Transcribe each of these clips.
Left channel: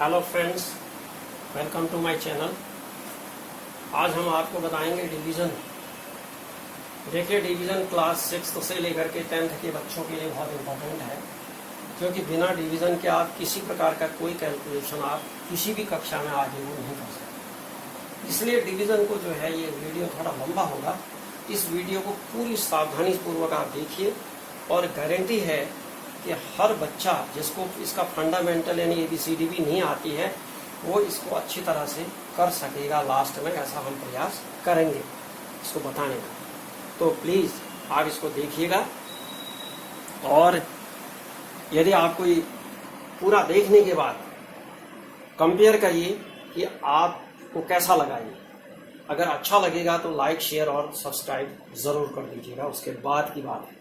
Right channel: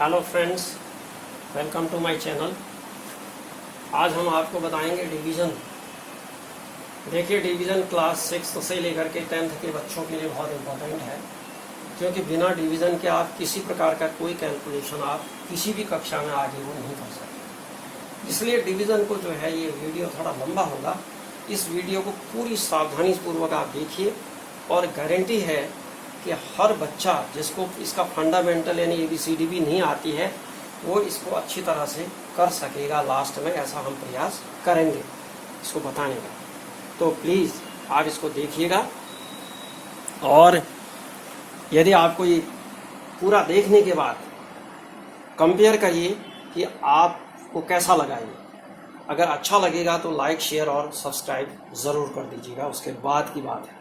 Hello friends, welcome to my channel. आज हम आपको बताएंगे डिवीज़न। देखिए, डिवीज़न क्लास 6 से लेकर के 10th के बच्चों के लिए बहुत इम्पोर्टेंट है, क्योंकि बिना डिवीज़न के आप किसी प्रकार का कोई कैलकुलेशन आप किसी भी कक्षा में आगे वो नहीं कर सकते। इसलिए डिवीज़न को जो है, ये वीडियो थोड़ा लंबा होगा। इस वीडियो को पूरी सावधानीपूर्वक आप देखिए, और गारंटी है कि हर बच्चा जिसको इसका फंडामेंटल यानी ABCD भी नहीं आती है, वो इसको अच्छी तरह से कर सकेगा। लास्ट में ऐसा हम प्रयास करेंगे इसको बताने का। तो प्लीज़ आप इसको देखिएगा, और यदि आपको ये पूरा देखने के बाद कंपेयर करिए कि आपको कैसा लगा ये। अगर अच्छा लगेगा तो लाइक, शेयर और सब्सक्राइब ज़रूर कर दीजिएगा, उसके बाद की बात है।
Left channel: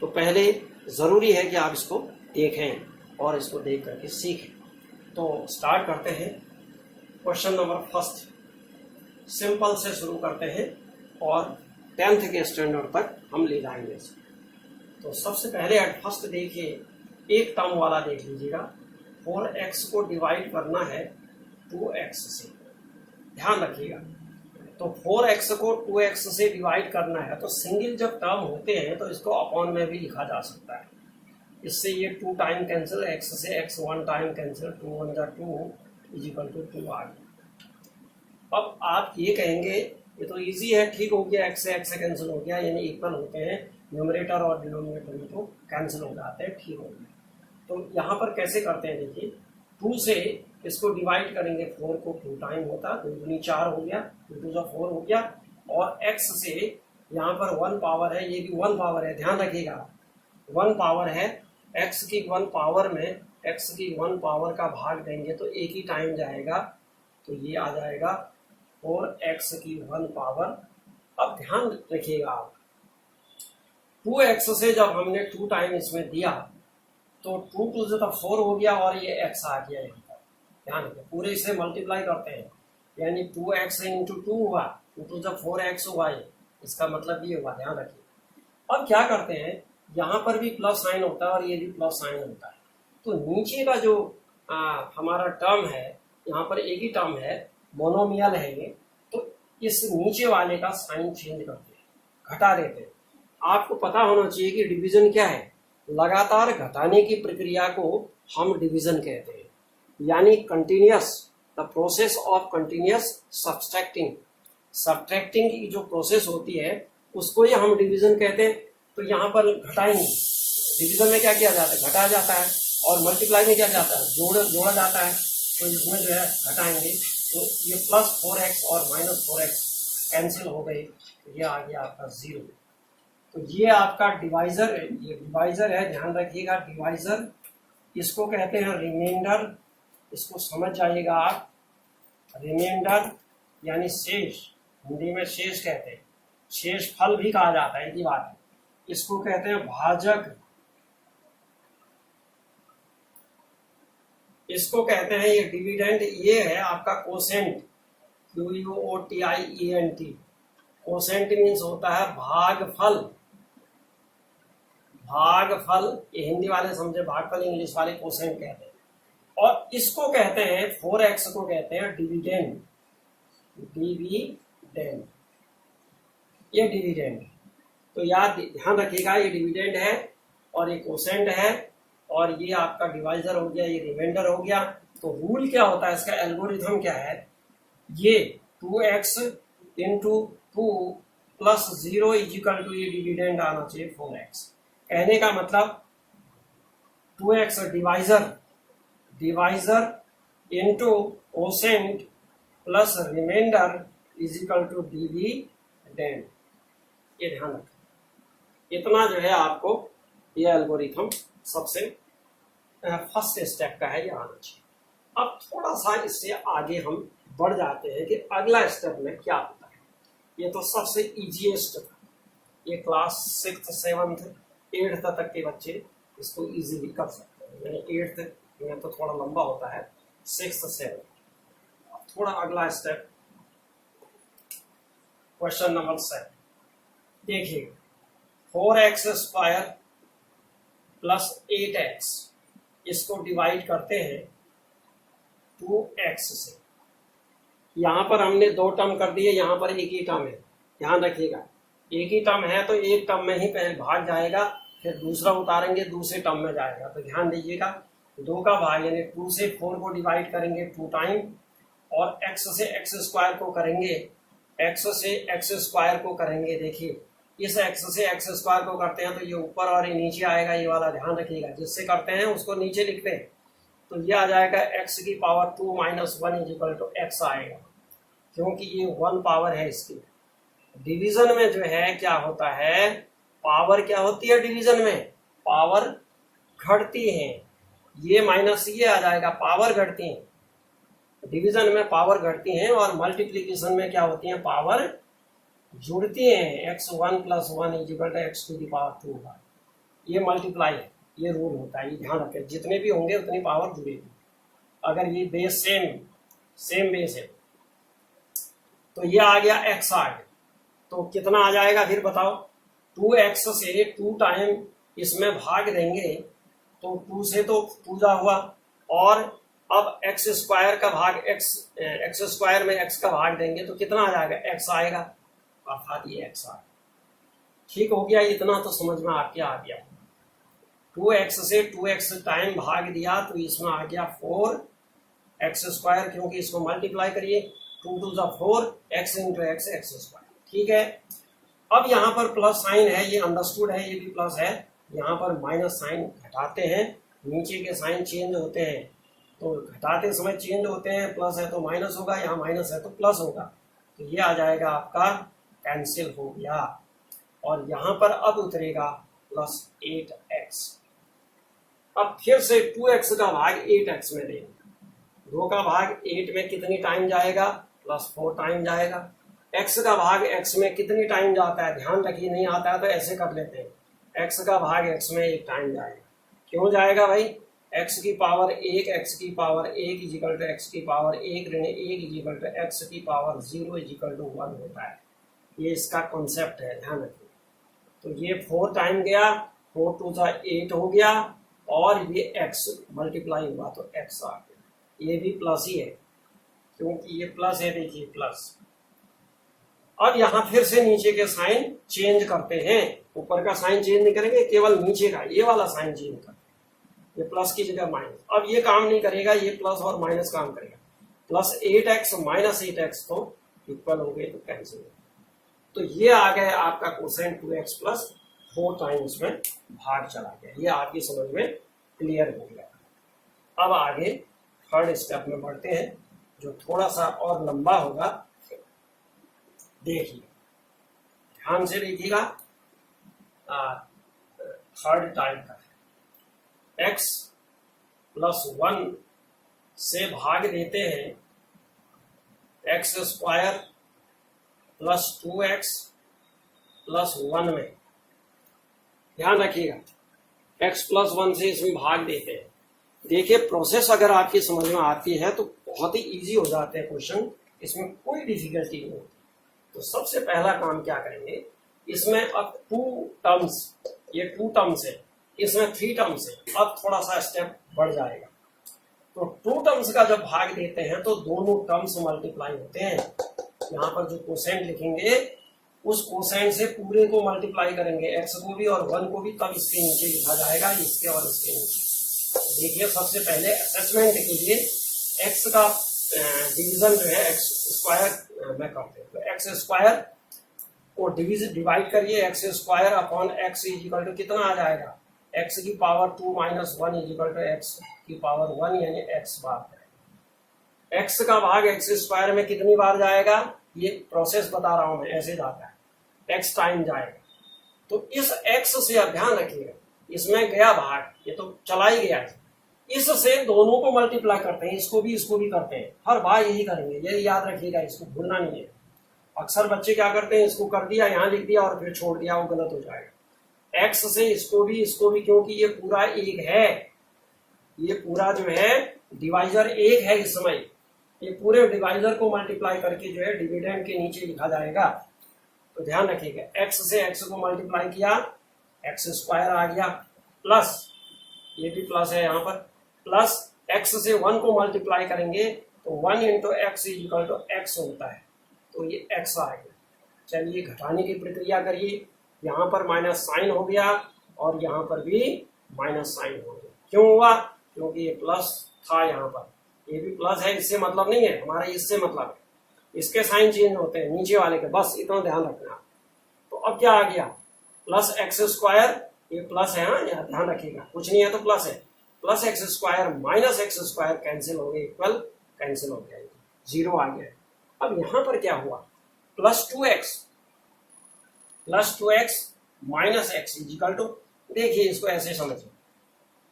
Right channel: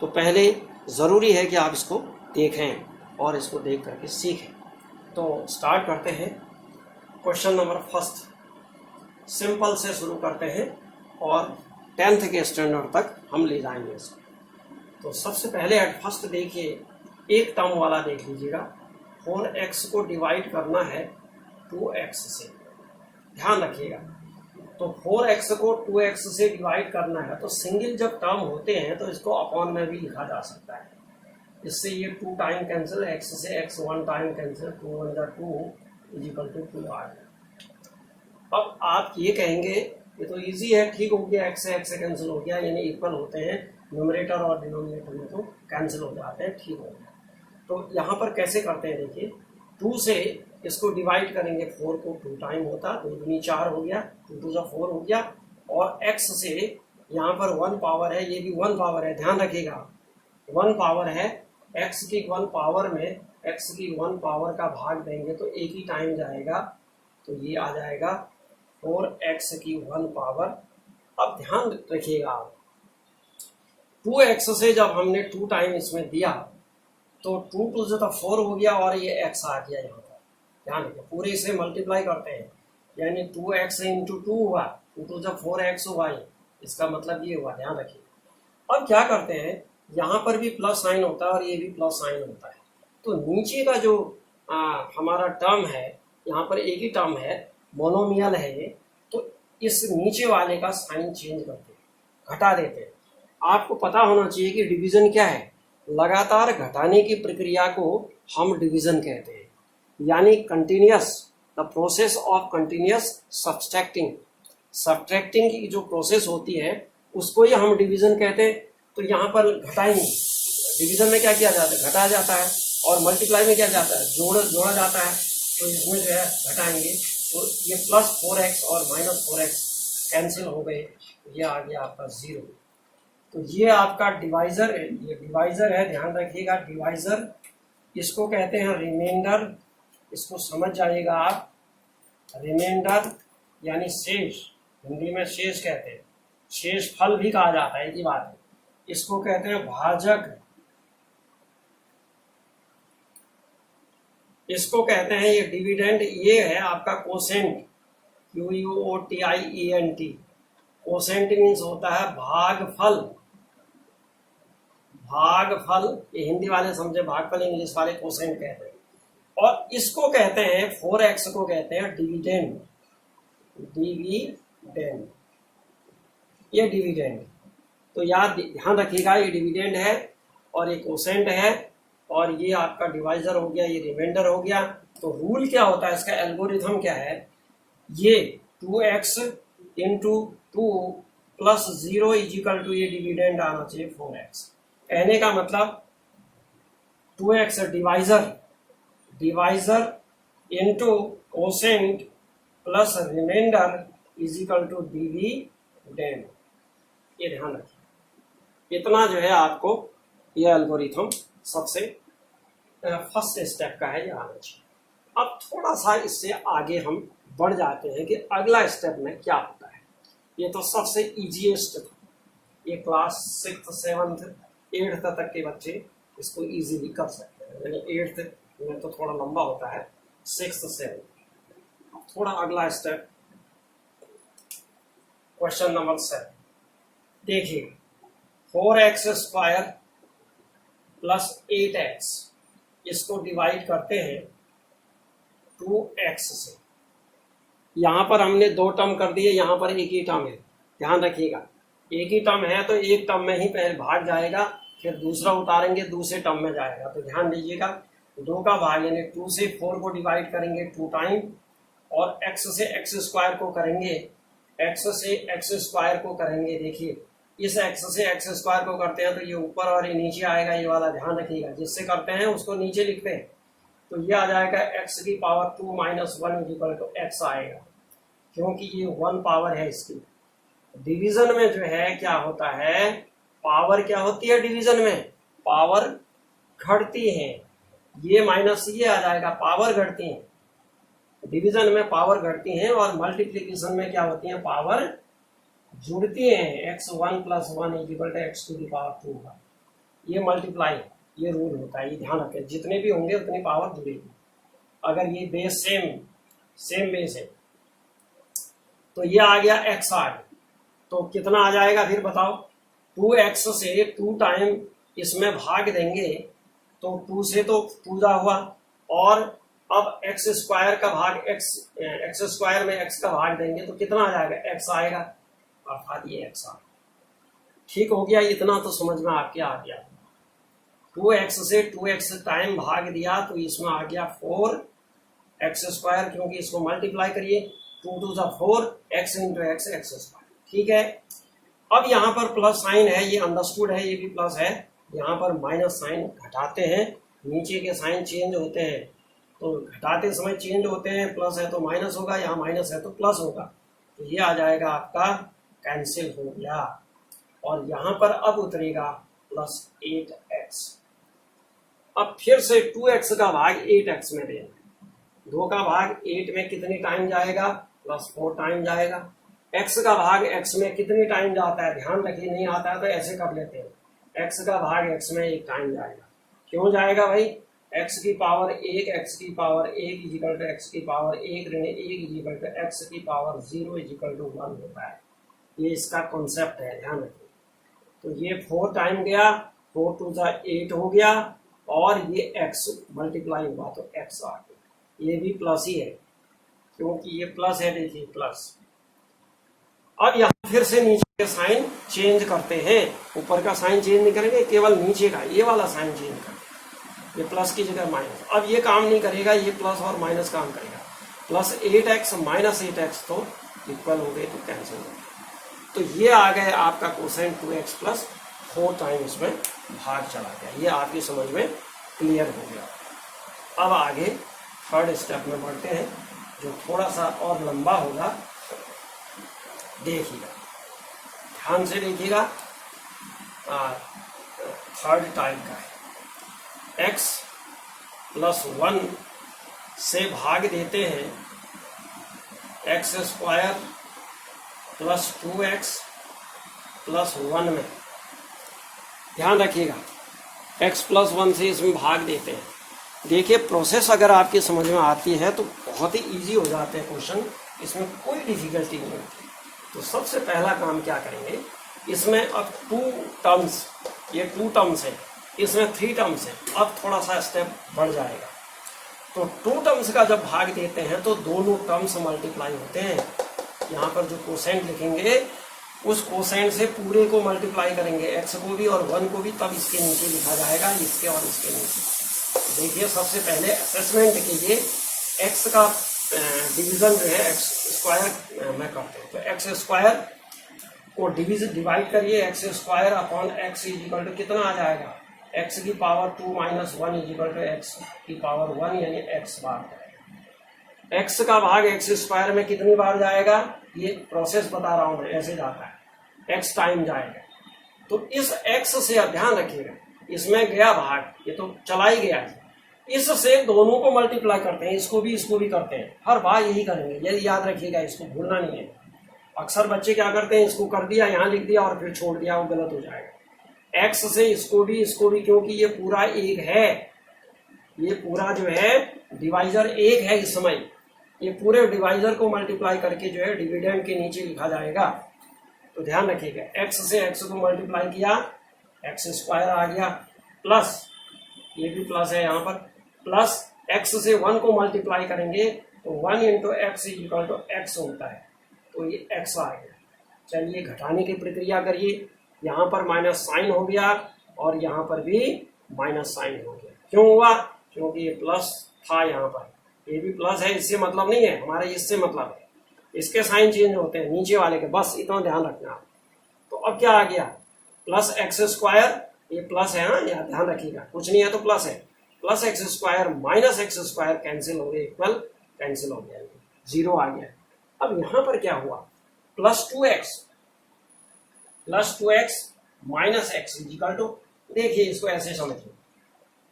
तो पहले ज़रूरी है कि आप इसको देखें और इसको देख करके सीखें। तो स्टार्ट करते हैं। क्वेश्चन नंबर फर्स्ट, सिंपल से शुरू करते हैं और 10th के स्टैंडर्ड तक हम ले जाएंगे इसको। तो सबसे पहले एट फर्स्ट देखिए, एक टर्म वाला देख लीजिएगा। 4x को डिवाइड करना है 2x से, ध्यान रखिएगा। तो 4x को 2x से डिवाइड करना है, तो सिंगल जब टर्म होते हैं तो इसको अपॉन में भी लिखा जा सकता है। इससे ये 2 टाइम कैंसिल, x से x 1 टाइम कैंसिल, 2 1 जा 2 इजिकल टू 2 आ गया। अब आप ये कहेंगे ये तो इजी है, ठीक हो गया, x से कैंसिल हो गया, यानी इक्वल होते हैं, न्यूमरेटर और डिनोमिनेटर में तो कैंसिल हो जाते हैं, ठीक हो गया। तो यहाँ पर कैसे करते हैं, देखिए 2 से इसको डिवाइड करेंगे, 4 को 2 टाइम होता, 2 दूनी 4 हो गया, 2 2 जा 4 हो गया, और x से यहाँ पर 1 पावर है, ये भी 1 पावर है, ध्यान रखिएगा 1 पावर है। x की 1 पावर में x की 1 पावर का भाग देंगे तो एक ही टाइम जाएगा, तो ये आ जाएगा 4x की 1 पावर। अब ध्यान रखिएगा आप, 2x से जब हमने 2 टाइम इसमें दिया तो 2 2 जो 4 हो गया, और ये x आ गया यहाँ पर, ध्यान रखिए पूरे से मल्टीप्लाई करते हैं, यानी 2x इंटू 2 हुआ, 2 2 जब 4x हुआ, ये इसका मतलब ये हुआ, ध्यान रखिए। अब क्या करते हैं, यहाँ पर भी प्लस साइन होता है और ये भी प्लस साइन होता है, तो नीचे का जो हमारा टर्म है, यहाँ पर एक ही टर्म है, मोनोमियल है ये, तो इस नीचे वाले का साइन चेंज करते हैं, घटा देते हैं। आपको पता होना चाहिए कि डिवीजन क्या है। लगातार घटाने की प्रक्रिया को हम डिवीजन कहते हैं, यानी continuous, the process of continuous subtracting. Subtracting की जो प्रोसेस होती है उसको ही हम डिवीजन कहते हैं। तो यहाँ पर घटाएंगे, डिवीजन में क्या किया जाता है, घटाया जाता है, और मल्टीप्लाई में क्या जाता है, जोड़ा जाता है। तो इसमें जो है घटाएंगे, तो ये प्लस 4x और माइनस 4x कैंसिल हो गए, ये आ गया आपका 0। तो ये आपका डिवाइजर है, ये डिवाइजर है, ध्यान रखिएगा डिवाइजर। इसको कहते हैं रिमाइंडर, इसको समझ जाइएगा आप। रिमाइंडर यानी शेष, हिंदी में शेष कहते हैं, शेष फल भी कहा जाता है, ये बात है। इसको कहते हैं भाजक, इसको कहते हैं ये डिविडेंड, ये है आपका कोसेंट, QUOTIENT। कोसेंट मीन्स होता है भागफल। भागफल ये हिंदी वाले समझे, भागफल इंग्लिश वाले कोसेंट कहते हैं। और इसको कहते हैं, 4x को कहते हैं डिविडेंड। डिविडेंड, ये डिविडेंड। तो याद ध्यान रखिएगा, ये डिविडेंड है और ये कोसेंट है, और ये आपका डिवाइजर हो गया, ये रिमाइंडर हो गया। तो रूल क्या होता है, इसका एल्गोरिथम क्या है, ये 2x into 2 plus 0 equal to ये डिविडेंड आना चाहिए 4x। कहने का मतलब 2x divisor into quotient plus remainder equal to dividend, ये ध्यान रखिए। इतना जो है आपको ये एल्गोरिथम सबसे फर्स्ट स्टेप का है, ये आना चाहिए। अब थोड़ा सा इससे आगे हम बढ़ जाते हैं कि अगला स्टेप में क्या होता है। ये तो सबसे इजीएस्ट था, ये क्लास 6th 7th 8th तक के बच्चे इसको इजीली कर सकते हैं, यानी 8th में तो थोड़ा लंबा होता है, 6th 7th। थोड़ा अगला स्टेप, क्वेश्चन नंबर 7 देखिए, 4x स्क्वायर प्लस 8x, इसको डिवाइड करते हैं 2x से। यहाँ पर हमने 2 टर्म कर दिए, यहाँ पर एक ही टर्म है, ध्यान रखिएगा। एक ही टर्म है तो एक टर्म में ही पहले भाग जाएगा, फिर दूसरा उतारेंगे दूसरे टर्म में जाएगा। तो ध्यान दीजिएगा, 2 का भाग यानी 2 से 4 को डिवाइड करेंगे 2 टाइम, और x से x स्क्वायर को करेंगे, x से x स्क्वायर को करेंगे। देखिए इस x से x स्क्वायर को करते हैं तो ये ऊपर और ये नीचे आएगा, ये वाला ध्यान रखिएगा। जिससे करते हैं उसको नीचे लिखते हैं, तो ये आ जाएगा x की power 2 minus 1 is equal to x आएगा, क्योंकि ये 1 पावर है इसकी। डिवीजन में जो है क्या होता है, पावर क्या होती है डिवीजन में, पावर घटती है। ये माइनस ये आ जाएगा, पावर घटती है। डिवीजन में पावर घटती हैं और मल्टीप्लीकेशन में क्या होती है, पावर जुड़ती हैं। x1 plus 1 is equal to x to the power 2 होगा। ये मल्टीप्लाई, ये रूल होता है, ये ध्यान रखें। जितने भी होंगे उतनी पावर जुड़ेगी। अगर ये बेस सेम बेस है तो ये आ गया x आ गया, तो कितना आ जाएगा फिर बताओ। 2x से 2 टाइम इसमें भाग देंगे तो 2 से तो पूजा हुआ, और अब x स्क्वायर का भाग x स्क्वायर में x का भाग देंगे तो कितना आ जाएगा, x आएगा, अर्थात ये x आ। ठीक हो गया, इतना तो समझ में आपके आ गया। 2x से 2x टाइम भाग दिया तो इसमें आ गया 4x स्क्वायर, क्योंकि इसको मल्टीप्लाई करिए, 2 to 4 x into x square. ठीक है, अब यहाँ पर प्लस साइन है, ये अंडरस्टूड है, ये भी प्लस है। यहाँ पर माइनस साइन घटाते हैं, नीचे के साइन चेंज होते हैं, तो घटाते समय चेंज होते हैं। प्लस है तो माइनस होगा, यहाँ माइनस है तो प्लस होगा, तो ये आ जाएगा आपका कैंसिल हो गया। और यहाँ पर अब उतरेगा प्लस 8x। अब फिर से 2x का भाग 8x में देंगे। 2 का भाग 8 में कितनी टाइम जाएगा, प्लस 4 टाइम जाएगा। x का भाग x में कितनी टाइम जाता है, ध्यान रखिए, नहीं आता है तो ऐसे कर लेते हैं। x का भाग x में 1 टाइम जाएगा। क्यों जाएगा भाई, x की पावर 1, x की power 1 is equal to x की पावर 1 ऋण 1 इज इक्वल टू x की पावर 0 इज इक्वल टू 1 होता है। ये इसका कॉन्सेप्ट है, ध्यान रखिए। तो ये 4 टाइम गया, 4 टू 8 हो गया, और ये x मल्टीप्लाई हुआ तो x आ गया। ये भी प्लस ही है, क्योंकि ये प्लस है, देखिए प्लस। अब यहाँ फिर से नीचे के साइन चेंज करते हैं। ऊपर का साइन चेंज नहीं करेंगे, केवल नीचे का ये वाला साइन चेंज करेंगे। ये प्लस की जगह माइनस। अब ये काम नहीं करेगा, ये प्लस और माइनस काम करेगा। प्लस 8x माइनस 8x तो इक्वल हो गए, तो कैंसिल हो गए। तो ये आ गए आपका कोसाइन 2x प्लस 4 टाइम इसमें भाग चला गया। ये आपकी समझ में क्लियर हो गया। अब आगे थर्ड स्टेप में बढ़ते हैं, जो थोड़ा सा और लंबा होगा। देखिएगा, ध्यान से देखिएगा, थर्ड टाइप का है। x प्लस 1 से भाग देते हैं x square plus 2x plus 1 में। ध्यान रखिएगा, x प्लस 1 से इसमें भाग देते हैं। देखिए प्रोसेस अगर आपकी समझ में आती है तो बहुत ही इजी हो जाते हैं क्वेश्चन, इसमें कोई डिफिकल्टी नहीं होती। तो सबसे पहला काम क्या करेंगे, इसमें अब 2 टर्म्स, ये 2 टर्म्स है, इसमें 3 टर्म्स है। अब थोड़ा सा स्टेप बढ़ जाएगा। तो 2 टर्म्स का जब भाग देते हैं तो दोनों टर्म्स मल्टीप्लाई होते हैं। यहाँ पर जो कोसेंट लिखेंगे उस कोसेंट से पूरे को मल्टीप्लाई करेंगे, x को भी और 1 को भी, तब इसके नीचे लिखा जाएगा, इसके और इसके नीचे। देखिए सबसे पहले असेसमेंट के लिए x का डिवीजन जो है x स्क्वायर में करते हैं। तो x स्क्वायर को डिवाइड करिए, x square upon x is equal to कितना आ जाएगा, x की power 2 minus 1 is equal to x की पावर 1 यानी x बार जाएगा। x का भाग x स्क्वायर में कितनी बार जाएगा, ये प्रोसेस बता रहा हूं मैं, ऐसे जाता है, x टाइम जाएगा। तो इस x से ध्यान रखिएगा, इसमें गया भाग, ये तो चला ही गया है, इससे दोनों को मल्टीप्लाई करते हैं, इसको भी करते हैं। हर बार यही करेंगे, ये याद रखिएगा, इसको भूलना नहीं है। अक्सर बच्चे क्या करते हैं, इसको कर दिया, यहाँ लिख दिया और फिर छोड़ दिया, वो गलत हो जाएगा। x से इसको भी, क्योंकि ये पूरा एक है, ये पूरा जो है डिवाइजर एक है इस समय, ये पूरे डिवाइजर को मल्टीप्लाई करके जो है डिविडेंड के नीचे लिखा जाएगा। तो ध्यान रखिएगा, x से x को मल्टीप्लाई किया, x स्क्वायर आ गया, प्लस ये भी प्लस है यहाँ पर, प्लस x से 1 को मल्टीप्लाई करेंगे तो 1 into x equal to x होता है, तो ये x आ गया। चलिए घटाने की प्रक्रिया करिए, यहाँ पर माइनस साइन हो गया और यहाँ पर भी माइनस साइन हो गया। क्यों हुआ? क्योंकि ये प्लस था, यहाँ पर ये भी प्लस है, इससे मतलब नहीं है, हमारे इससे मतलब है, इसके साइन चेंज होते हैं नीचे वाले के, बस इतना ध्यान रखना। तो अब क्या आ गया? प्लस एक्स स्क्वायर, ये प्लस है, हाँ यहाँ ध्यान रखिएगा, कुछ नहीं है तो प्लस है, plus x square minus x square cancel हो गए, इक्वल कैंसिल हो गया, जीरो आ गया। अब यहाँ पर क्या हुआ? Plus two x minus x equal to, देखिए इसको ऐसे समझिए,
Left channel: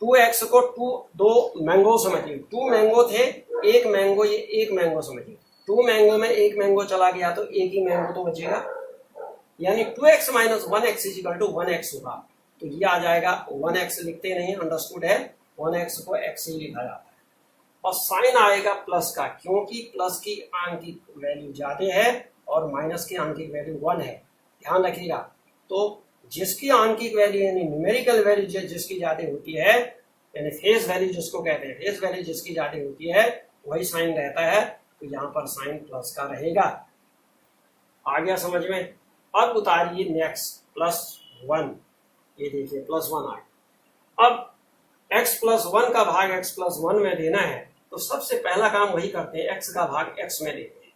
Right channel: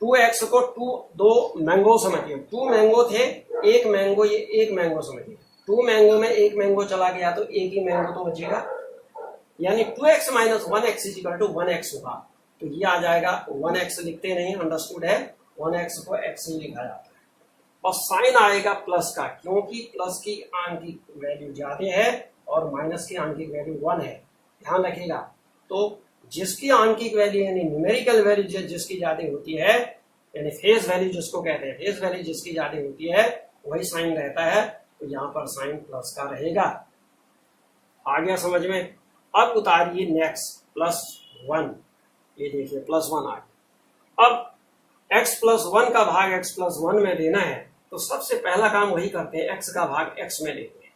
2x को दो मैंगो समझिए, 2 मैंगो थे, एक मैंगो, ये एक मैंगो समझिए, 2 मैंगो में एक मैंगो चला गया तो एक ही मैंगो तो बचेगा, यानी 2x minus 1x equal to 1x होगा। तो ये आ जाएगा, 1x लिखते नहीं, अंडरस्टूड है, 1x को x ही लिखा जाता है, और साइन आएगा प्लस का, क्योंकि प्लस की आंकिक वैल्यू ज्यादा है और माइनस की आंकिक वैल्यू 1 है, ध्यान रखिएगा। तो जिसकी आंकिक वैल्यू यानी न्यूमेरिकल वैल्यू जिसकी ज्यादा होती है, यानी फेस वैल्यू जिसको कहते हैं, फेस वैल्यू जिसकी ज्यादा होती है वही साइन रहता है, तो यहाँ पर साइन प्लस का रहेगा। आ गया समझ में? अब उतारिए नेक्स्ट, +1, ये देखिए +1 आ गया। अब x +1 का भाग x +1 में देना है, तो सबसे पहला काम वही करते हैं, x का भाग x में लेते हैं।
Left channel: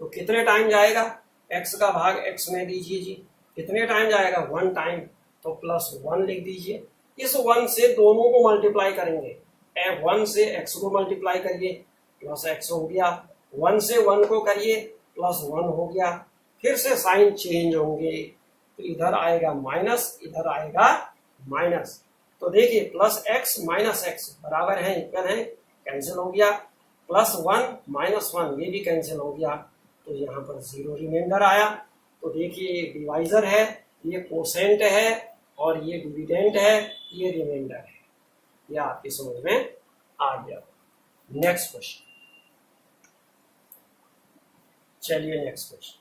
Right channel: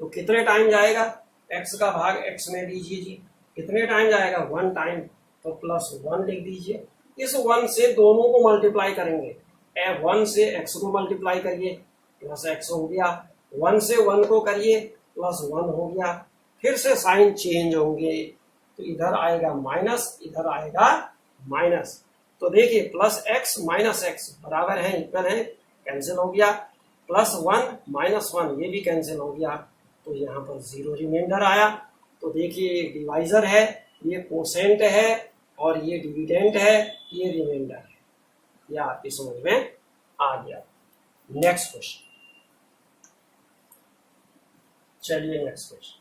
तो कितने टाइम जाएगा? x का भाग x में दीजिए जी, कितने टाइम जाएगा? 1 टाइम, तो +1 लिख दीजिए। इस 1 से दोनों को मल्टीप्लाई करेंगे, 1 से x को मल्टीप्लाई करिए, +x हो गया, 1 से 1 को करिए, +1 हो गया। फिर से साइन चेंज होंगे, तो इधर आएगा माइनस, इधर आएगा माइनस, तो देखिए +x माइनस x बराबर है, इक्वल है, कैंसिल हो गया, +1 माइनस 1 ये भी कैंसिल हो गया, तो यहाँ पर 0 रिमाइंडर आया। तो देखिए डिवाइजर है, ये कोसेंट है, और ये डिविडेंड है, ये रिमाइंडर है, ये आपकी समझ में आ गया। नेक्स्ट क्वेश्चन, चलिए नेक्स्ट क्वेश्चन,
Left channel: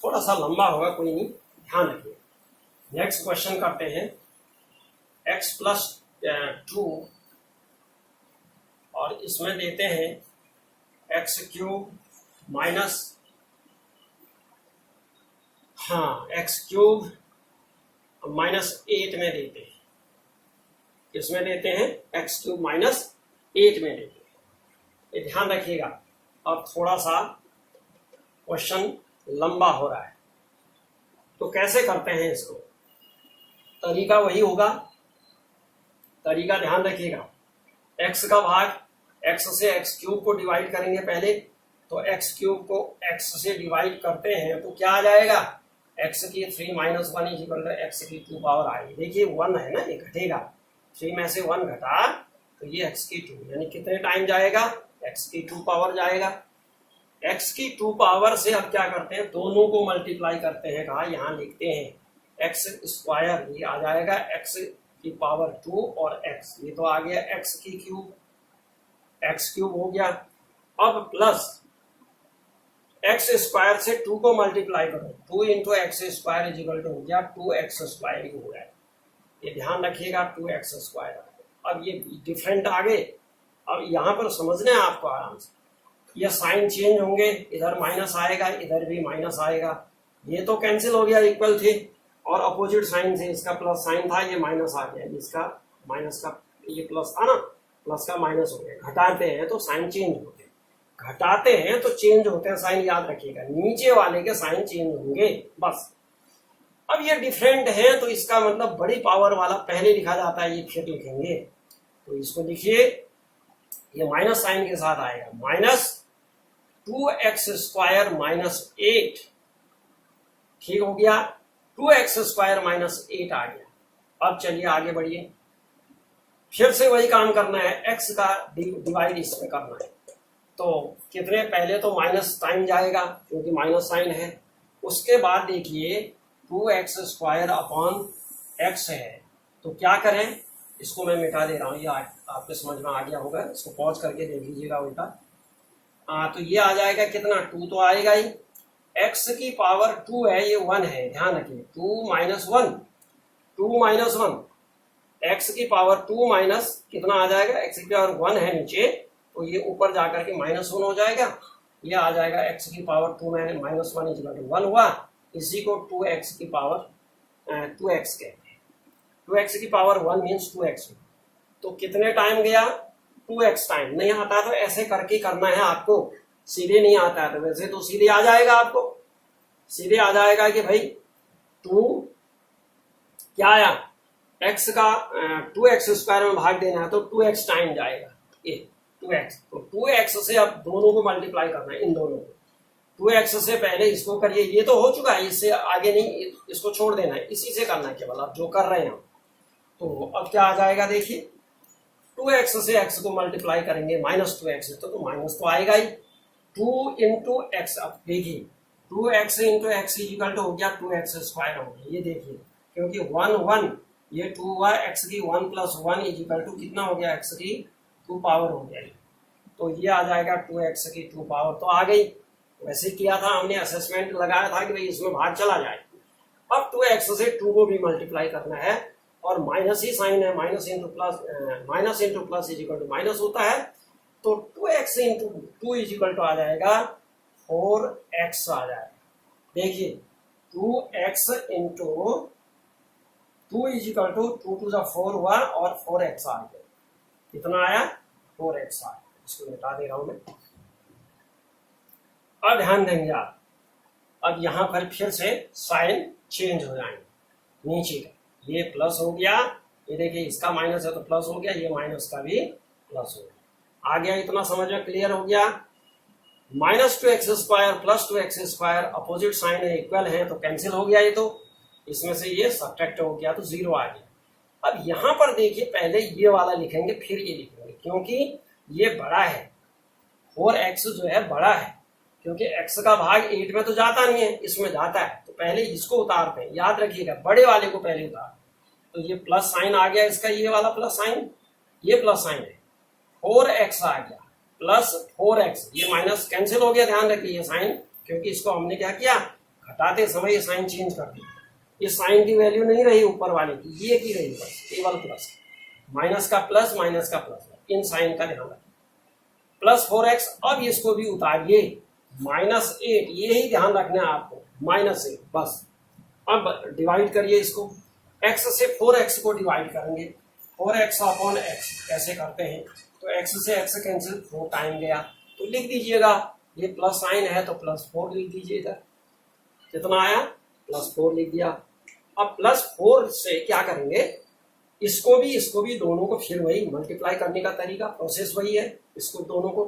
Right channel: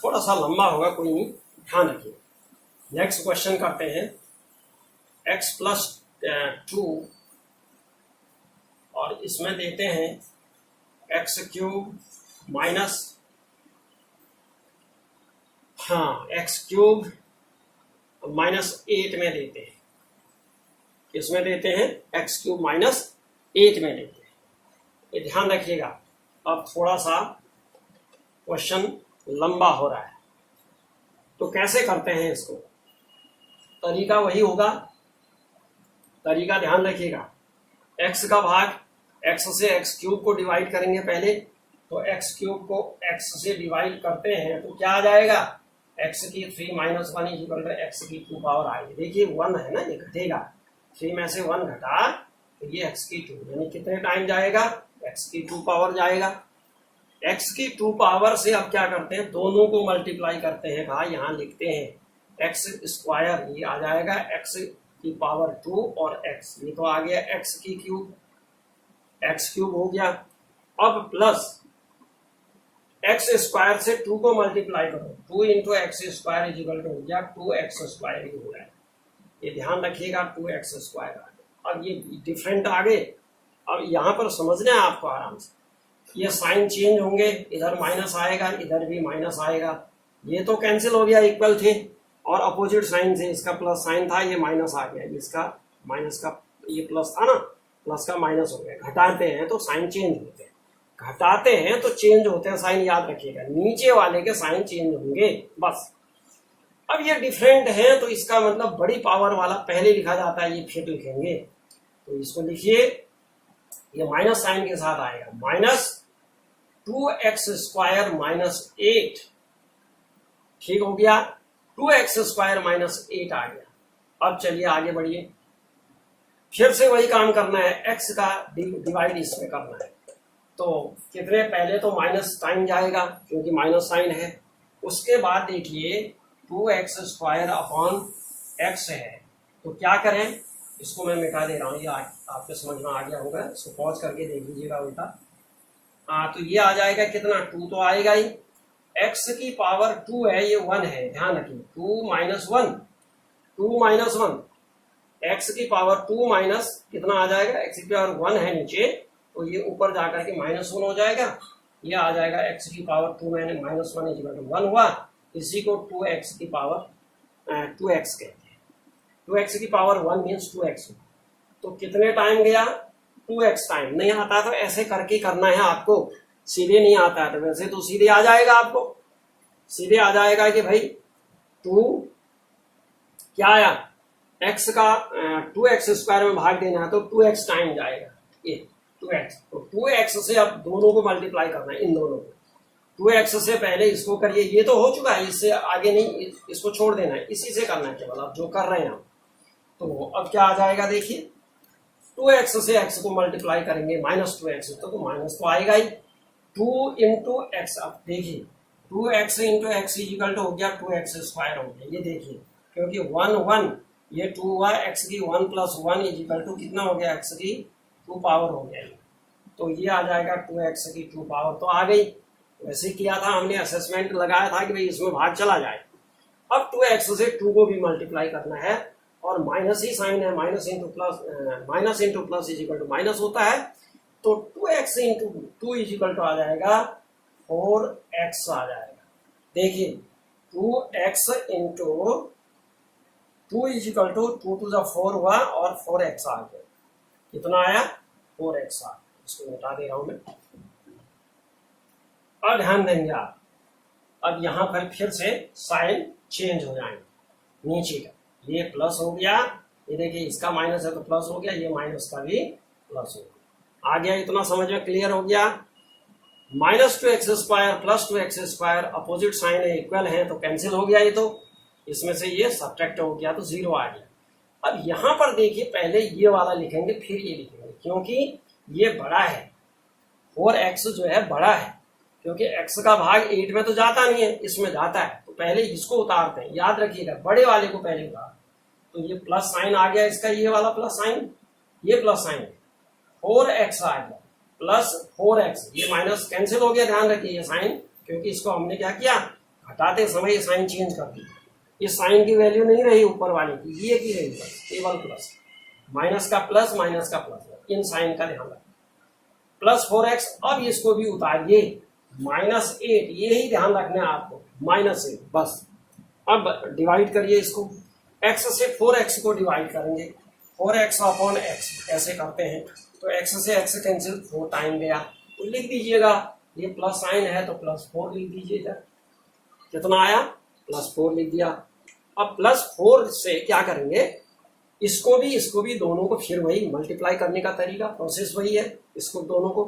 थोड़ा सा लंबा होगा, कोई नहीं, ध्यान रखिए। नेक्स्ट क्वेश्चन करते हैं, x +2 और इसमें देते हैं x³ माइनस, हाँ x³ -8 में देते हैं, इसमें देते हैं x³ -8 में देते हैं, ये ध्यान रखिएगा। अब थोड़ा सा क्वेश्चन लंबा हो रहा है, तो कैसे करते हैं इसको? तरीका वही होगा, तरीका ध्यान रखिएगा, x का भाग x से x³ को डिवाइड करेंगे पहले, तो x³ को x से डिवाइड करते हैं तो क्या आ जाएगा? x की 3 - 1 इक्वल टू x की 2 पावर आएगी। देखिए 1 है ना, ये घटेगा, 3 में से 1 घटा तो ये x की 2, यानी कितने टाइम जाएगा? x की 2 पावर जाएगा। x की 2 पावर से अब क्या करते हैं? दोनों को मल्टीप्लाई करते हैं, कहा यहाँ लिखते हैं x², ये आ जाएगा x की पावर 2 और x, ये तो आ गया x की क्यूब, x³ हो गया। अब प्लस x² से 2 को मल्टीप्लाई करो, 2 इंटू x² इक्वल टू हो गया 2x² ही हो रहा है, ये ध्यान रखिएगा, 2x² आ गया। अब ये डिफरेंट आ गए, अब यहाँ पर समझना है आपको आराम से, ये साइन चेंज होंगे, इधर माइनस आएगा, इधर भी माइनस आएगा, ये तो कैंसिल हो गया, इक्वल थे, और अपोजिट साइन से, इसका प्लस साइन था, ये माइनस आ गया, इसका माइनस का, ये प्लस था ना, प्लस का माइनस हो गया। घटाते हैं तो साइन चेंज होते हैं, घटाते हैं तो चेंज होते हैं साइन, याद रखिएगा, नीचे वाले के साइन चेंज होंगे बस। अब ये डिफरेंट है तो इसका मतलब बड़ी पावर वाला पहले लिखा जाता है, ये फिर लिखेंगे, तो इसको लिखिए, ये माइनस साइन के साथ आएगा, -2x² -8, ठीक हो गया, 2x² -8 आ गया। अब चलिए आगे बढ़िए, फिर से वही काम करना है, x का डिवाइड इसमें करना है, तो कितने, पहले तो माइनस साइन जाएगा क्योंकि माइनस साइन है, उसके बाद देखिए 2x² अपॉन x है, तो क्या करें, इसको मैं मिटा दे रहा हूँ, ये आपके समझ में आ गया होगा, इसको पॉज करके देख लीजिएगा उल्टा। तो ये आ जाएगा कितना, 2 तो आएगा ही, x की पावर 2 है, ये 1 है, ध्यान रखिए, 2 - 1 2 माइनस 1, एक्स की पावर 2 माइनस कितना आ जाएगा, एक्स की पावर 1 है नीचे, तो ये ऊपर जाकर के -1 हो जाएगा, ये आ जाएगा एक्स की पावर 2 मैंने -1 इक्वल टू 1 हुआ, इसी को 2x की पावर 2x कहते हैं। 2x की पावर 1 मीन्स 2x, तो कितने टाइम गया, 2x टाइम। नहीं आता तो ऐसे करके करना है आपको, सीधे नहीं आता है, तो वैसे तो सीधे आ जाएगा, आपको सीधे आ जाएगा कि भाई 2 क्या आया, x का 2x स्क्वायर में भाग देना है तो 2x टाइम जाएगा, ये 2x, तो 2x से अब दोनों को मल्टीप्लाई करना है, इन दोनों को 2x से पहले इसको करिए, ये तो हो चुका है, इससे आगे नहीं, इसको छोड़ देना है, इसी से करना है केवल आप जो कर रहे हैं। तो अब क्या आ जाएगा, देखिए 2x से x को मल्टीप्लाई करेंगे -2x, तो माइनस तो आएगा ही, 2 इंटू एक्स, अब देखिए 2x into x equal to हो गया 2x स्क्वायर हो गया, ये देखिए क्योंकि 1 1 ये 2 हुआ, x की 1 + 1 इक्वल टू कितना हो गया, x की 2 पावर हो गया, तो ये आ जाएगा 2x की 2 पावर, तो आ गई। वैसे किया था हमने, असेसमेंट लगाया था कि भाई इसमें भाग चला जाए। अब 2x से 2 को भी मल्टीप्लाई करना है, और माइनस ही साइन है, minus into plus is equal to minus होता है, तो 2x into 2 is equal to आ जाएगा 4x आ जाएगा। देखिए 2x into 2 is equal to 2 to 4 हुआ और 4x आ गया, कितना आया, 4x आ गया। इसको मिटा दे रहा हूं मैं। अब ध्यान देंगे आप, अब यहां पर फिर से साइन चेंज हो जाएंगे, नीचे का ये प्लस हो गया, ये देखिए इसका माइनस है तो प्लस हो गया, ये माइनस का भी प्लस हो गया, आ गया, इतना समझ में क्लियर हो गया। -2x square plus 2x square opposite sign है, इक्वल है, तो कैंसिल हो गया, ये तो इसमें से ये सब्ट्रैक्ट हो गया तो 0 आ गया। अब यहां पर देखिए पहले ये वाला लिखेंगे फिर ये लिखेंगे, क्योंकि ये बड़ा है, 4x जो है बड़ा है, क्योंकि x का भाग 8 में तो जाता नहीं है, इसमें जाता है, तो पहले इसको उतारते हैं, याद रखिएगा बड़े वाले को पहले उतार, तो ये प्लस साइन आ गया इसका, ये वाला प्लस साइन, ये प्लस साइन है, 4x आ गया प्लस 4x, ये माइनस कैंसिल हो गया, ध्यान रखिए ये साइन, क्योंकि इसको हमने क्या किया, घटाते समय ये साइन चेंज कर दी, इस साइन की वैल्यू नहीं रही ऊपर वाले की, ये की रही बस, केवल प्लस, माइनस का प्लस, इन साइन का ध्यान रखें, प्लस 4x। अब इसको भी उतारिए, -8, ये ही ध्यान रखना है आपको, -8 बस। अब डिवाइड करिए इसको, x से 4x को डिवाइड करेंगे, 4x अपॉन x ऐसे करते हैं, तो x से x कैंसिल, 4 टाइम गया, तो लिख दीजिएगा, ये प्लस साइन है तो +4 लिख दीजिए इधर, कितना आया, +4 लिख दिया। अब +4 से क्या करेंगे, इसको भी दोनों को फिर वही मल्टीप्लाई करने का तरीका, प्रोसेस वही है, इसको दोनों को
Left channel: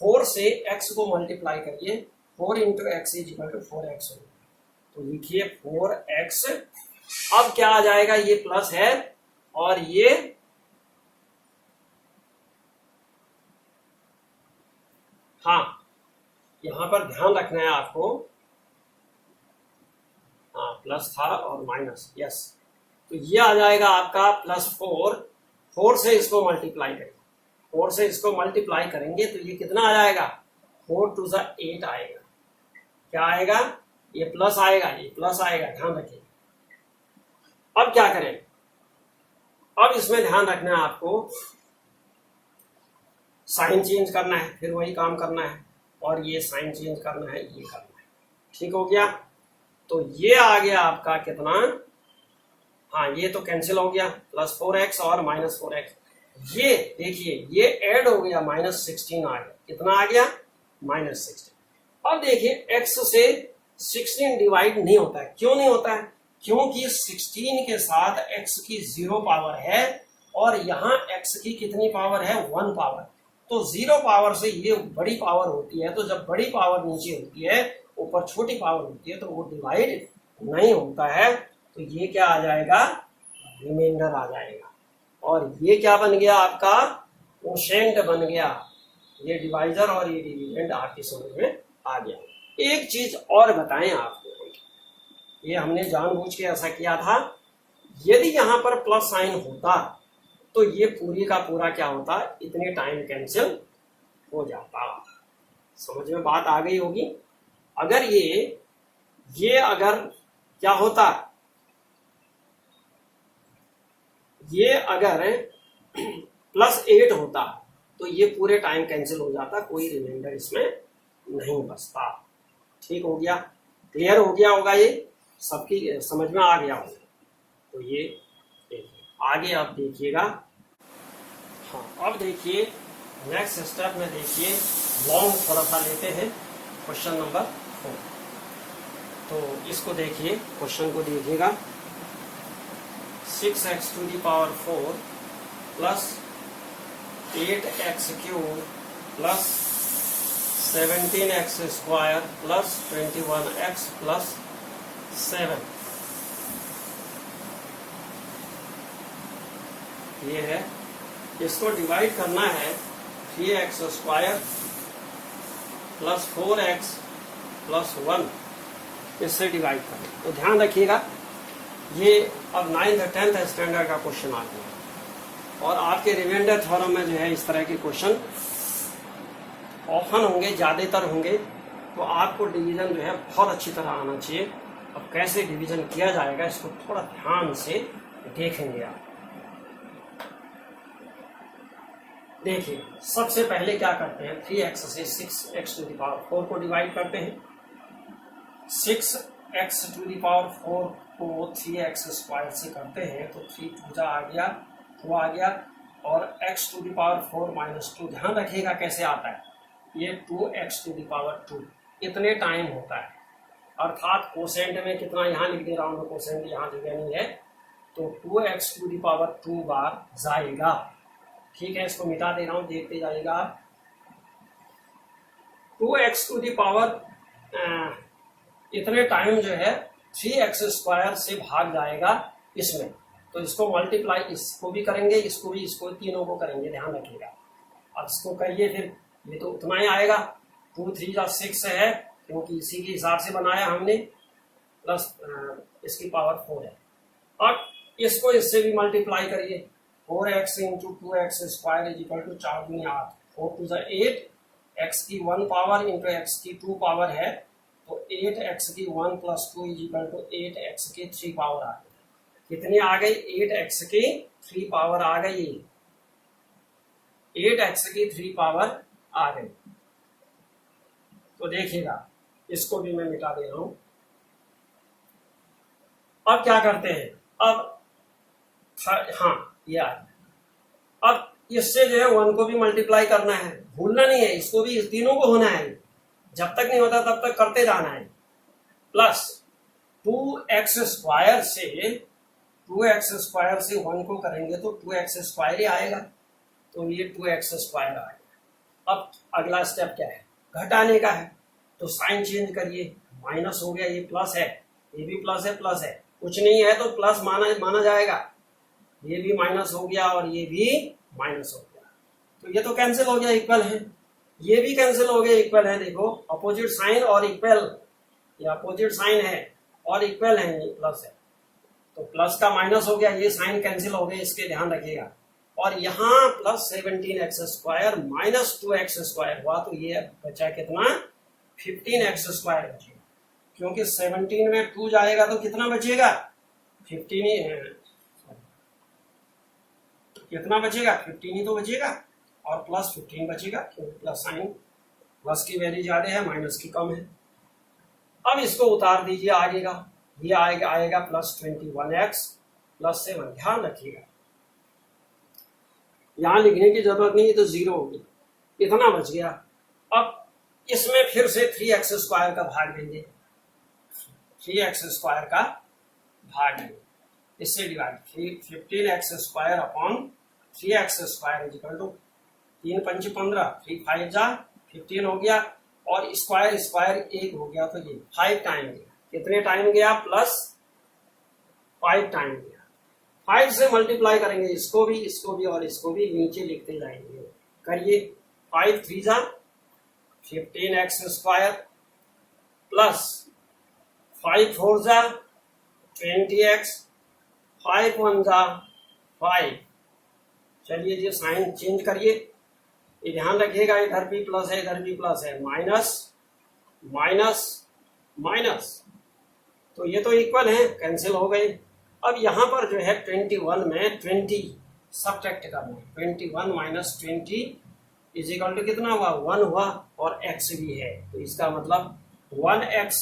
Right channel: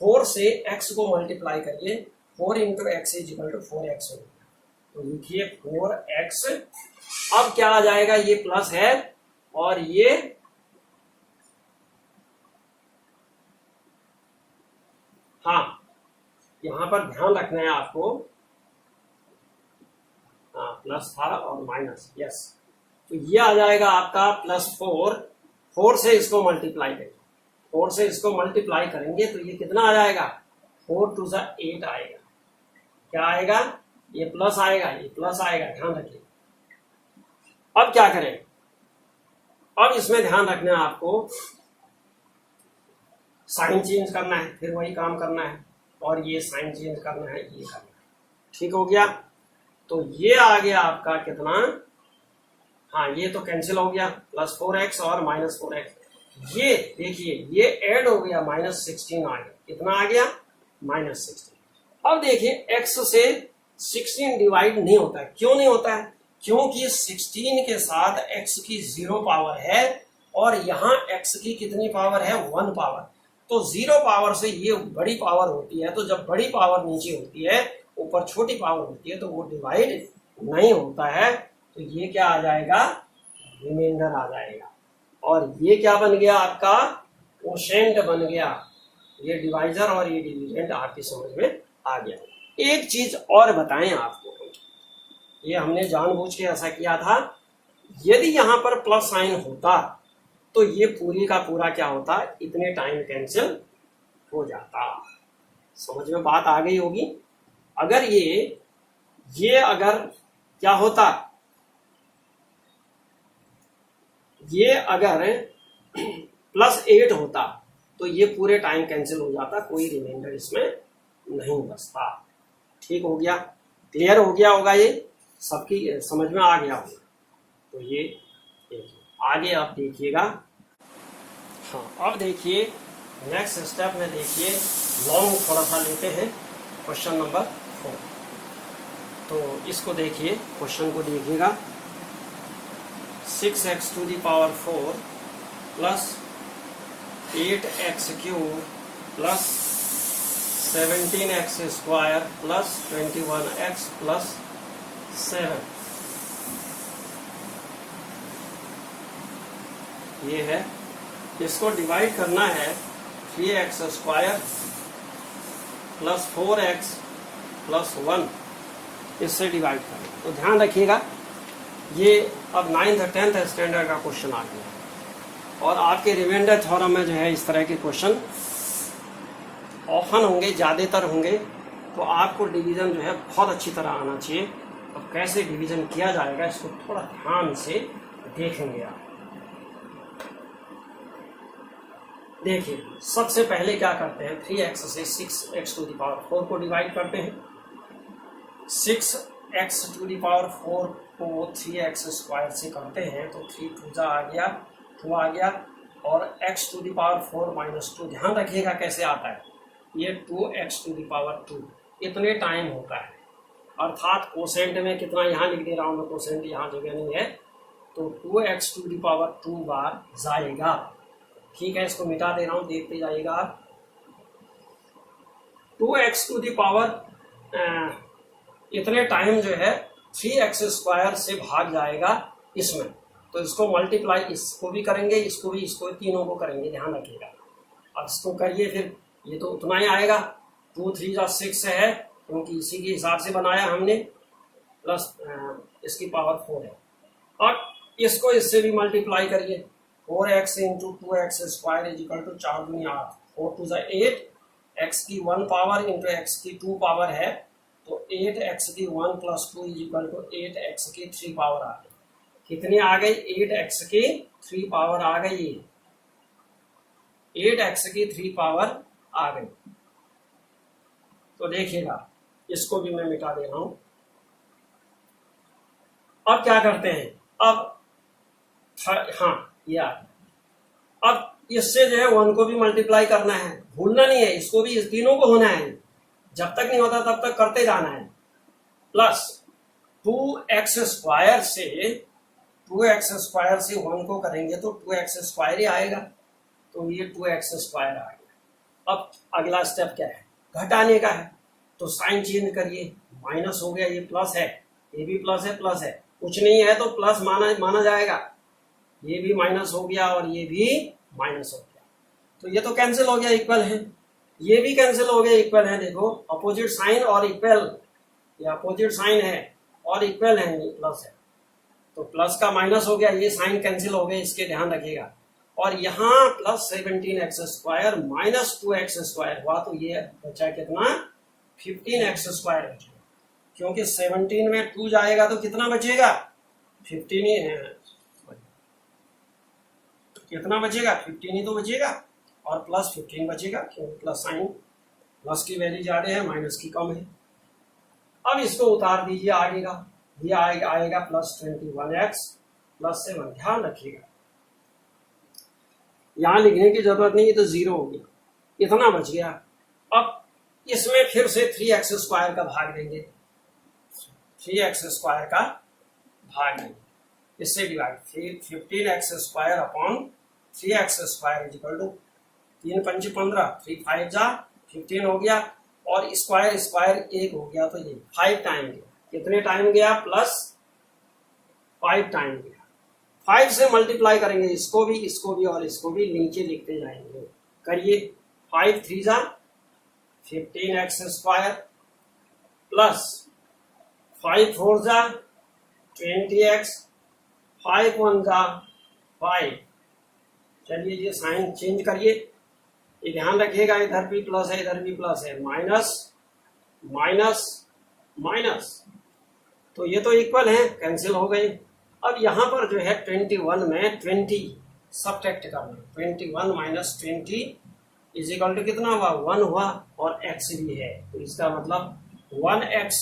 4 से x को मल्टीप्लाई करिए, 4 into x is equal to 4x हो गया, तो लिखिए 4x। अब क्या आ जाएगा, ये प्लस है और ये हाँ, यहां पर ध्यान रखना है आपको, हाँ प्लस था और माइनस, यस, तो ये आ जाएगा आपका +4, 4 से इसको मल्टीप्लाई करेंगे, 4 से इसको मल्टीप्लाई करेंगे तो ये कितना आ जाएगा, 4 टू 8 आएगा, क्या आएगा, ये प्लस आएगा, ये प्लस आएगा, ध्यान रखिए। अब क्या करें, अब इसमें ध्यान रखना है आपको, साइन चेंज करना है, फिर वही काम करना है, और ये साइन चेंज करना है, ये करना है, ठीक हो गया। तो ये आ गया आपका कितना, हाँ ये तो कैंसिल हो गया, +4x और -4x, ये देखिए ये ऐड हो गया, -16 आ गया, कितना आ गया, -16। अब देखिए x से 16 डिवाइड नहीं होता है, क्यों नहीं होता है, क्योंकि 16 के साथ x की 0 पावर है, और यहाँ x की कितनी पावर है, 1 पावर, तो 0 पावर से ये बड़ी पावर होती है, तो जब बड़ी पावर नीचे होती है, ऊपर छोटी पावर होती है, तो वो डिवाइड नहीं होता है, तो ये क्या आ जाएगा, रिमाइंडर आ जाएगा, और ये क्या बन गया आपका, कोशेंट बन गया, ये डिवाइजर और ये डिविडेंड आपकी समझ में आ गया। एक चीज और बताएं आपको, ये हमने जानबूझ के ऐसा किया था, यदि यहां पर प्लस साइन होता तो ये पूरी का पूरा क्या होता, इतने टाइम कैंसिल हो जाता, समझ में बात आ गई होगी। अगर ये अगर क्या होता, ये अगर +8 होता तो ये पूरे टाइम कैंसिल हो जाता, कोई रिमाइंडर इसमें नहीं बचता। ठीक हो गया, क्लियर हो गया होगा, ये सबकी समझ में आ गया होगा। तो ये देखिए आगे आप देखिएगा। हाँ, अब देखिए नेक्स्ट स्टेप में देखिए लॉन्ग थोड़ा सा लेते हैं, क्वेश्चन नंबर 4। तो इसको देखिए, क्वेश्चन को देखिएगा। 6x⁴ plus 8x³ plus 17x² plus 21x plus 7, ये है। इसको डिवाइड करना है 3x² प्लस 4x प्लस 1, इससे डिवाइड करना। तो ध्यान रखिएगा, ये अब 9th और 10th स्टैंडर्ड का क्वेश्चन आ गया, और आपके रिमाइंडर थ्योरम में जो है इस तरह के क्वेश्चन ऑफन होंगे, ज़्यादातर होंगे। तो आपको डिवीजन जो है बहुत अच्छी तरह आना चाहिए। अब कैसे डिवीजन किया जाएगा इसको थोड़ा ध्यान से देखेंगे आप। देखिए सबसे पहले क्या करते हैं, 3x से 6x⁴ को डिवाइड करते हैं। 6x⁴ को 3x² से करते हैं तो 3 2 आ गया, 2 आ गया, और x⁴ -2 ध्यान रखिएगा कैसे आता है, ये 2x⁴ इतने टाइम होता है। अर्थात कोसेंट में कितना यहाँ लिख दे रहा हूँ मैं, कोसेंट यहाँ जगह नहीं है, तो 2x⁴ बार जाएगा। ठीक है, इसको मिटा दे रहा हूँ, देखते जाइएगा। 2x⁴ इतने टाइम जो है 3x² से भाग जाएगा इसमें, तो इसको मल्टीप्लाई इसको भी करेंगे, इसको भी, इसको तीनों को करेंगे, ध्यान रखिएगा। अब इसको करिए, फिर ये तो उतना ही आएगा। 2 3 6 है, क्योंकि इसी के हिसाब से बनाया हमने, प्लस इसकी पावर 4 है। अब इसको इससे भी मल्टीप्लाई करिए, 4x × 2x² = 4 दूनी 8, 4 2 8, x की 1 पावर इंटू x की 2 पावर है, तो 8x की 1 + 2 = 8x की 3 पावर आ गई। कितनी आ गई, 8x की 3 पावर आ गई, 8x की 3 पावर आ गई। तो देखिएगा, इसको भी मैं मिटा दे रहा हूं। अब क्या करते हैं, अब हाँ ये आ गया। अब इससे जो है 1 को भी मल्टीप्लाई करना है, भूलना नहीं है, इसको भी, इस तीनों को होना है, जब तक नहीं होता तब तक करते जाना है। प्लस 2x² से 1 को करेंगे तो 2x² ही आएगा, तो ये 2x² आ गया। अब अगला स्टेप क्या है, घटाने का है, तो साइन चेंज करिए, माइनस हो गया, ये प्लस है, ये भी प्लस है, प्लस है, कुछ नहीं है तो प्लस माना जाएगा, ये भी माइनस हो गया और ये भी माइनस हो गया, तो ये तो कैंसिल हो गया, इक्वल है, ये भी कैंसिल हो गया, इक्वल है। देखो अपोजिट साइन और इक्वल, ये अपोजिट साइन है और इक्वल है, ये प्लस है, तो प्लस का माइनस हो गया, ये साइन कैंसिल हो गए, इसके ध्यान रखिएगा। और यहाँ प्लस 17x² माइनस 2x² हुआ, तो ये बचा कितना, 15x² बचेगा, क्योंकि 17 में 2 जाएगा तो कितना बचेगा, 15 ही है, कितना बचेगा, 15 ही तो बचेगा, और प्लस 15 बचेगा, क्योंकि प्लस साइन, प्लस की वैल्यू ज्यादा है, माइनस की कम है। अब इसको उतार दीजिए आगे का, ये आएगा प्लस 21x प्लस 7, ध्यान रखिएगा यहां लिखने की जरूरत नहीं, तो 0 हो गया, इतना बच गया। अब इसमें फिर से 3x² का भाग देंगे, 3x² का भाग देंगे, इससे डिवाइड, 15x² अपॉन 3x² = 3 5 15, 3 5 जा 15 हो गया, और स्क्वायर 1 हो गया, तो ये 5 टाइम गया, कितने टाइम गया, प्लस 5 टाइम गया। 5 से मल्टीप्लाई करेंगे, इसको भी और इसको भी, नीचे लिखते जाएंगे, करिए, 5 3 जा 15x² प्लस 5 4 जा 20x, 5 1 जा 5। चलिए जी, साइन चेंज करिए, ये ध्यान रखिएगा, इधर भी प्लस है, इधर भी प्लस है, माइनस माइनस माइनस, तो ये तो इक्वल है, कैंसिल हो गए। अब यहाँ पर जो है 21 में 20 सब्ट्रैक्ट करना, 21 माइनस 20 इज इक्वल टू कितना हुआ, 1 हुआ, और x भी है, तो इसका मतलब 1x,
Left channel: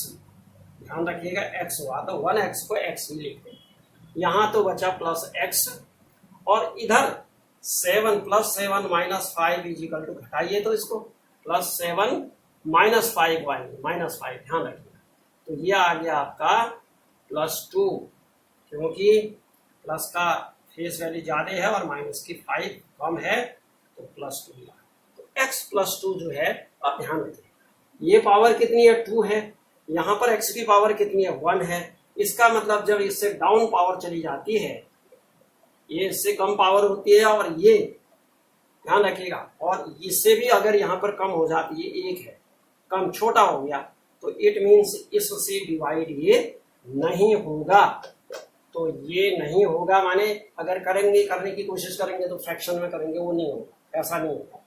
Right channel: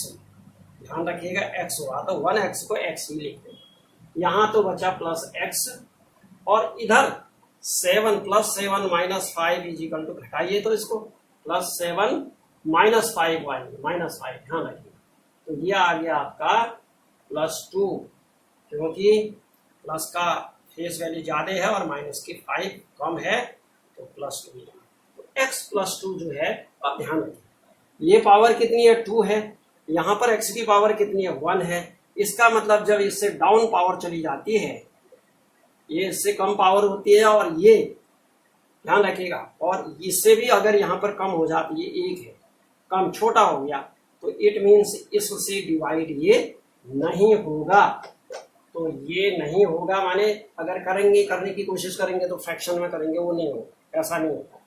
ध्यान रखिएगा x हुआ तो 1x को x ही लिख दें। यहाँ तो बचा प्लस x, और इधर 7 plus 7 minus 5 is equal to, घटाइए तो इसको, प्लस 7 माइनस 5 y माइनस 5, ध्यान रखिएगा। तो ये आ गया आपका +2, क्योंकि प्लस का फेस वैल्यू ज़्यादा है और माइनस की 5 कम है, तो +2 मिला। तो x +2 जो है, आप ध्यान रखिए ये पावर कितनी है, 2 है, यहाँ पर x की पावर कितनी है, 1 है। इसका मतलब जब इससे डाउन पावर चली जाती है, ये इससे कम पावर होती है, और ये ध्यान रखिएगा, और इससे भी अगर यहाँ पर कम हो जाती है, 1 है, कम छोटा हो गया, तो इट मीन्स इससे डिवाइड ये नहीं होगा। तो ये नहीं होगा माने अगर करेंगे, करने की कोशिश करेंगे तो फ्रैक्शन में करेंगे, वो नहीं होगा, ऐसा नहीं होगा।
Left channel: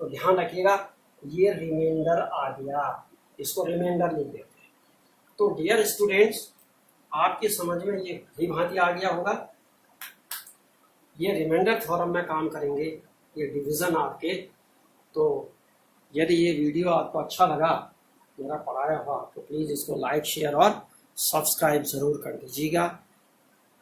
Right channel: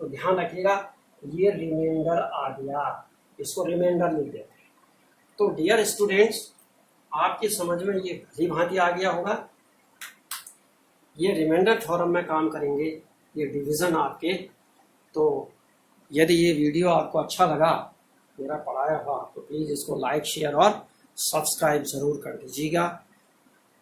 तो ध्यान रखिएगा, ये रिमाइंडर आ गया, इसको रिमाइंडर लिख देते हैं। तो डियर स्टूडेंट्स, आपकी समझ में ये भली भांति आ गया होगा। ये रिमाइंडर थ्योरम में काम करेंगे, ये डिवीज़न आपके। तो यदि ये वीडियो आपको अच्छा लगा, मेरा पढ़ाया हुआ, तो प्लीज़ इसको लाइक, शेयर और सब्सक्राइब ज़रूर कर दीजिएगा।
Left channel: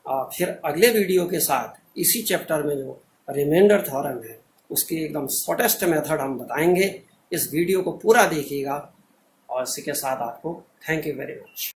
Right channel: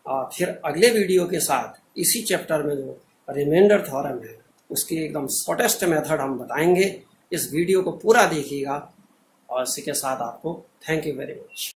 फिर अगले वीडियो के साथ इसी चैप्टर में जो रिमाइंडर थ्योरम है, उसकी एकदम शॉर्टेस्ट मेथड हम बताएंगे। इस वीडियो को पूरा देखिएगा, और इसी के साथ आपको थैंक यू वेरी मच।